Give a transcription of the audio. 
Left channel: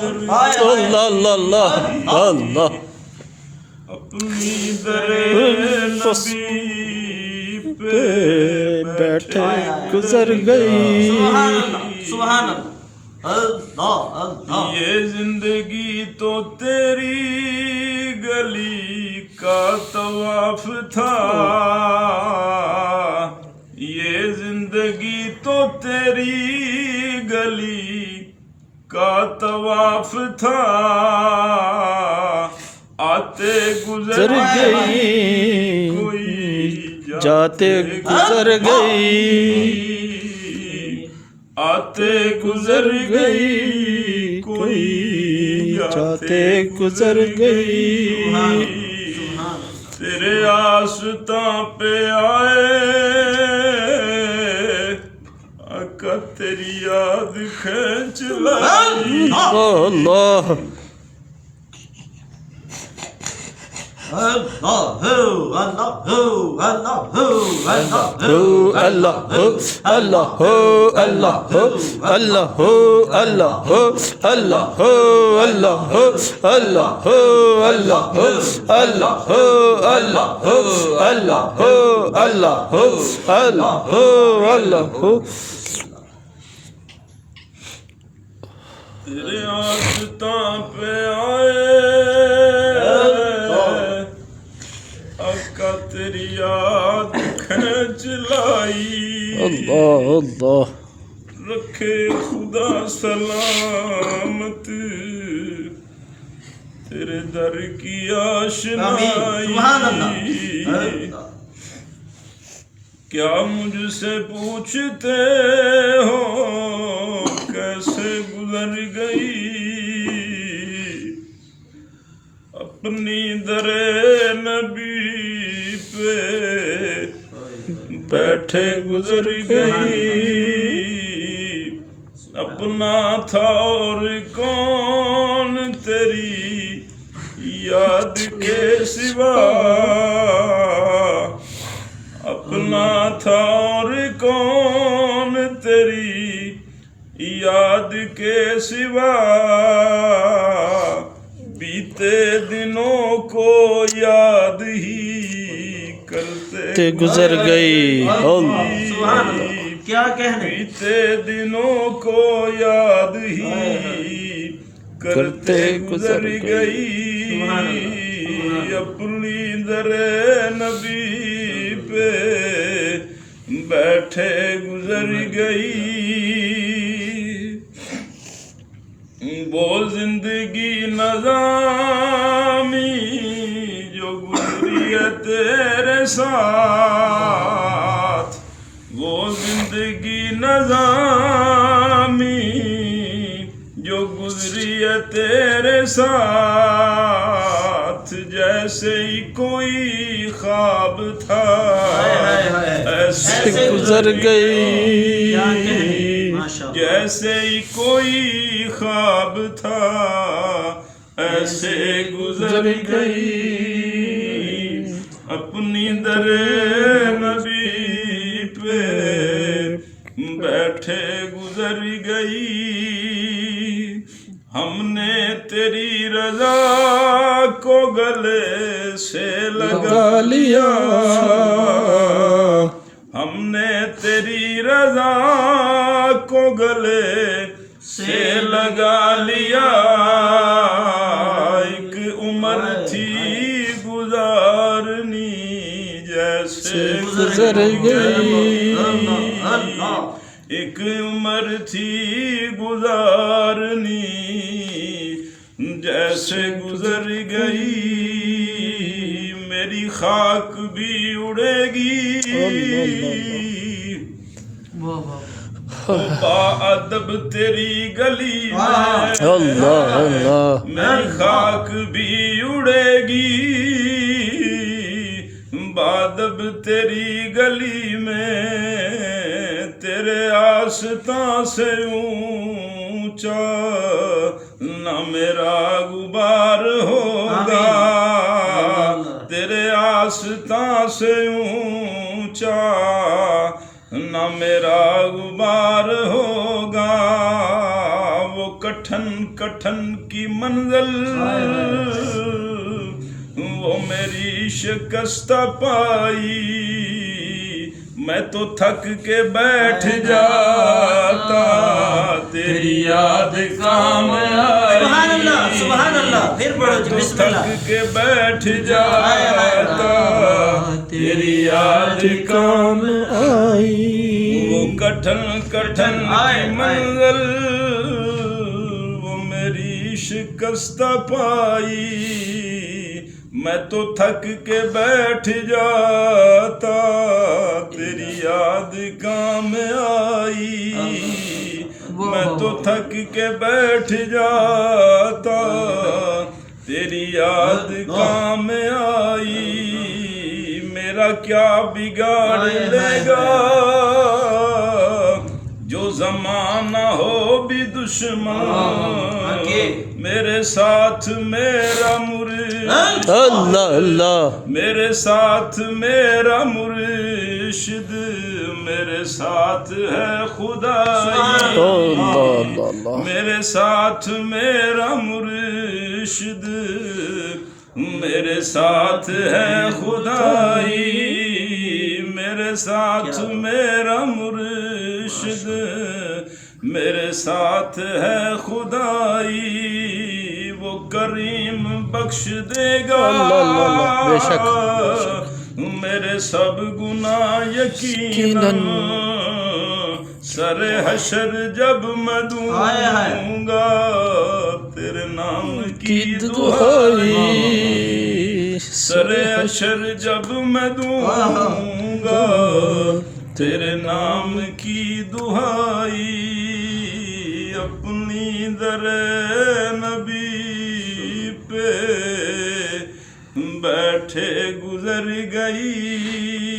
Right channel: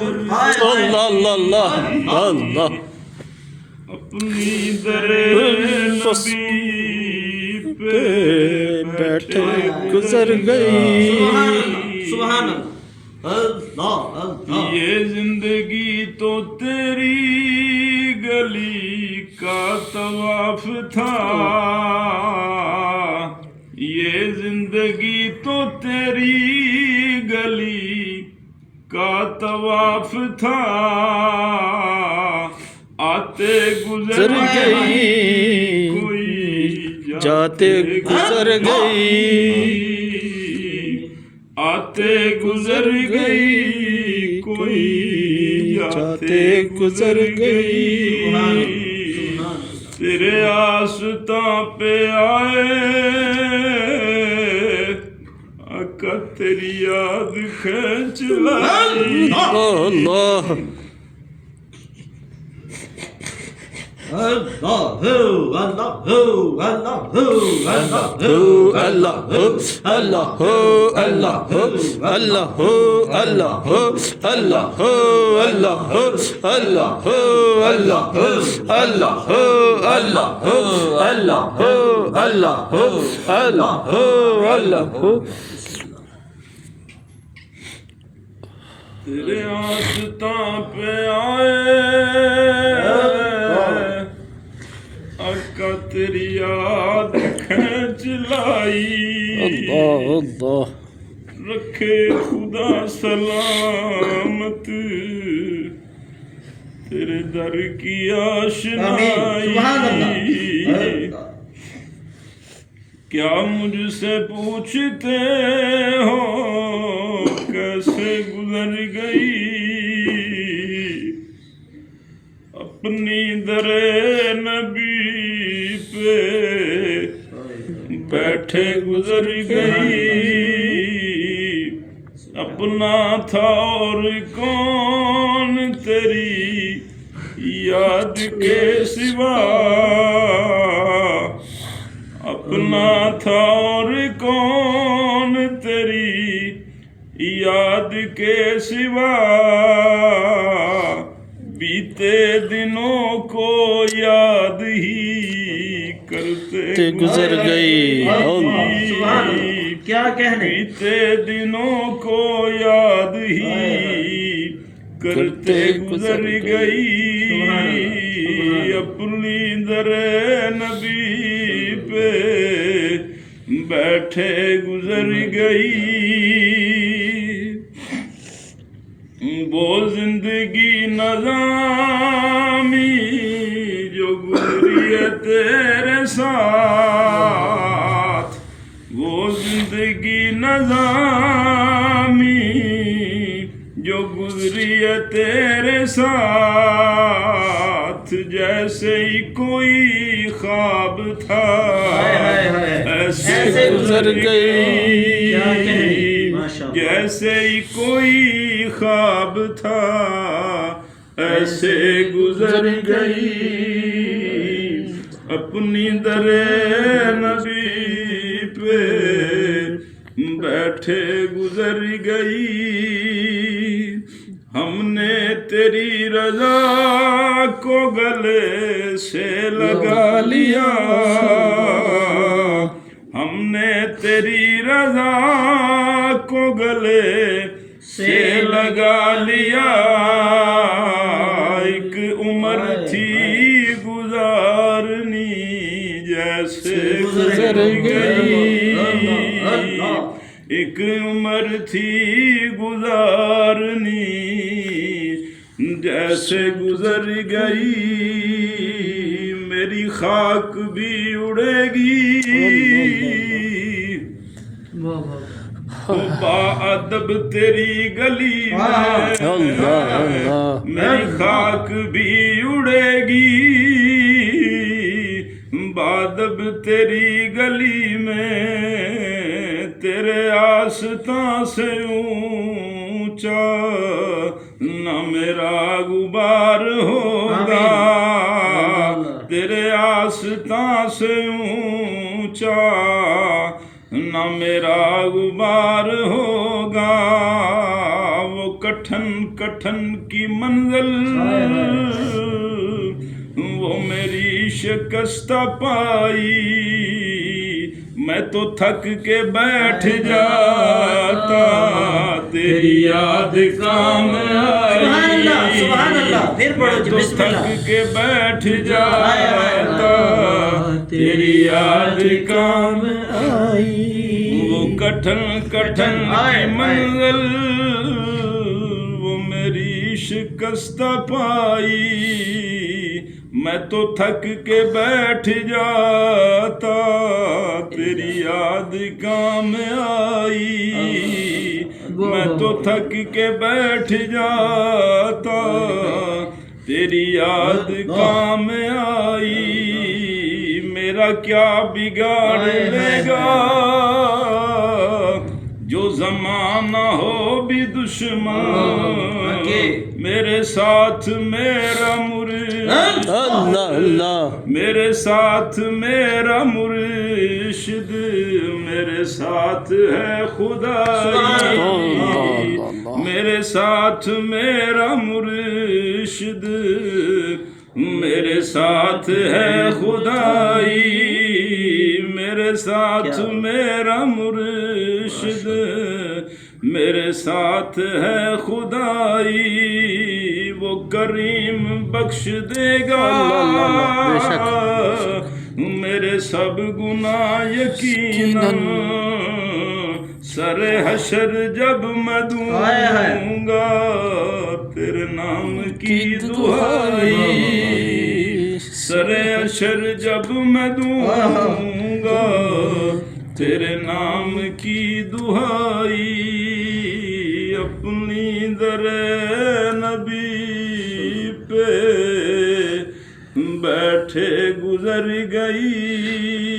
اللہ اللہ اللہ اپنی در نبی پہ بیٹھے گزر گئی سبحان اللہ اللہ یہ زندگی تو تیری گلی کا طواف تھا یہ زندگی تو تیری گلی کا طواف تھا آتے گزر گئی کوئی جاتے گزر گئی آتے گزر گئی کوئی جاتے گزر گئی تیرے آستاں پہ آئے آقا تیری یاد کھینچ لائی اللہ تیرے آستاں پہ آئے آقا تیری یاد کھینچ لائی اللہ رکھے خدا سلامت تیرے در کی آشنائی کیا مجھ سے پوچھتے ہو کیسے گزر گئی اپنی در نبی پہ بیٹھے گزر گئی اپنا تھا اور کون تیری یاد کے سوا اپنا تھا اور کون تیری یاد کے سوا بیتے دنوں کو یاد ہی کرتے گزر گئی کیا کہنے بیتے دنوں کو یاد ہی کرتے گزر گئی اپنی در نبی پہ بیٹھے گزر گئی وہ زندگی نظامی جو گزری ہے تیرے ساتھ وہ زندگی نظامی جو گزری ہے تیرے ساتھ جیسے ہی کوئی خواب تھا ایسے گزر گئی جیسے ہی کوئی خواب تھا ایسے گزر گئی اپنی در نبی پہ بیٹھے گزر گئی ہم نے تیری رضا کو گلے سے لگا لیا ہم نے تیری رضا کو گلے سے لگا لیا ایک عمر تھی گزارنی جیسے گزر گئی ایک عمر تھی گزارنی جیسے گزر گئی میری خاک بھی اڑے گی با ادب تیری گلی میں میری خاک بھی اڑے گی بادب تیری گلی میں تیرے آستاں سے اونچا نہ میرا غبار ہوگا تیرے آستاں سے اونچا نہ میرا غبار ہوگا وہ کٹھن کٹھن کی منزل وہ میری شکستہ پائی میں تو تھک کے بیٹھ جاتا تیری یاد کام آئی سبحان اللہ سبحان اللہ پھر پڑھو جی بسم اللہ تھک کے بیٹھ جاتا تیری یاد کام آئی وہ کٹھن کٹھن کی منزل وہ میری شکستہ پائی میں تو تھک کے بیٹھ جاتا تیری یاد کام آئی میں تو تھک کے بیٹھ جاتا تیری یاد کام آئی میرا کیا بگاڑ لے گا جو زمانہ ہو بھی دشمن میرے ساتھ میرا مرشد اللہ اللہ میرے ساتھ میرا مرشد میرے ساتھ ہے خدائی میرے ساتھ میرا مرشد میرے ساتھ ہے خدائی میرے ساتھ میرا مرشد میرے ساتھ ہے خدائی وہ کریم بخش دے گا میرے سب گناہ یقیناً سر حشر جب میں دوں گا تیرے نام کی دعائی سر حشر جب میں دوں گا تیرے نام کی دعائی اپنی در نبی پہ بیٹھے گزر گئی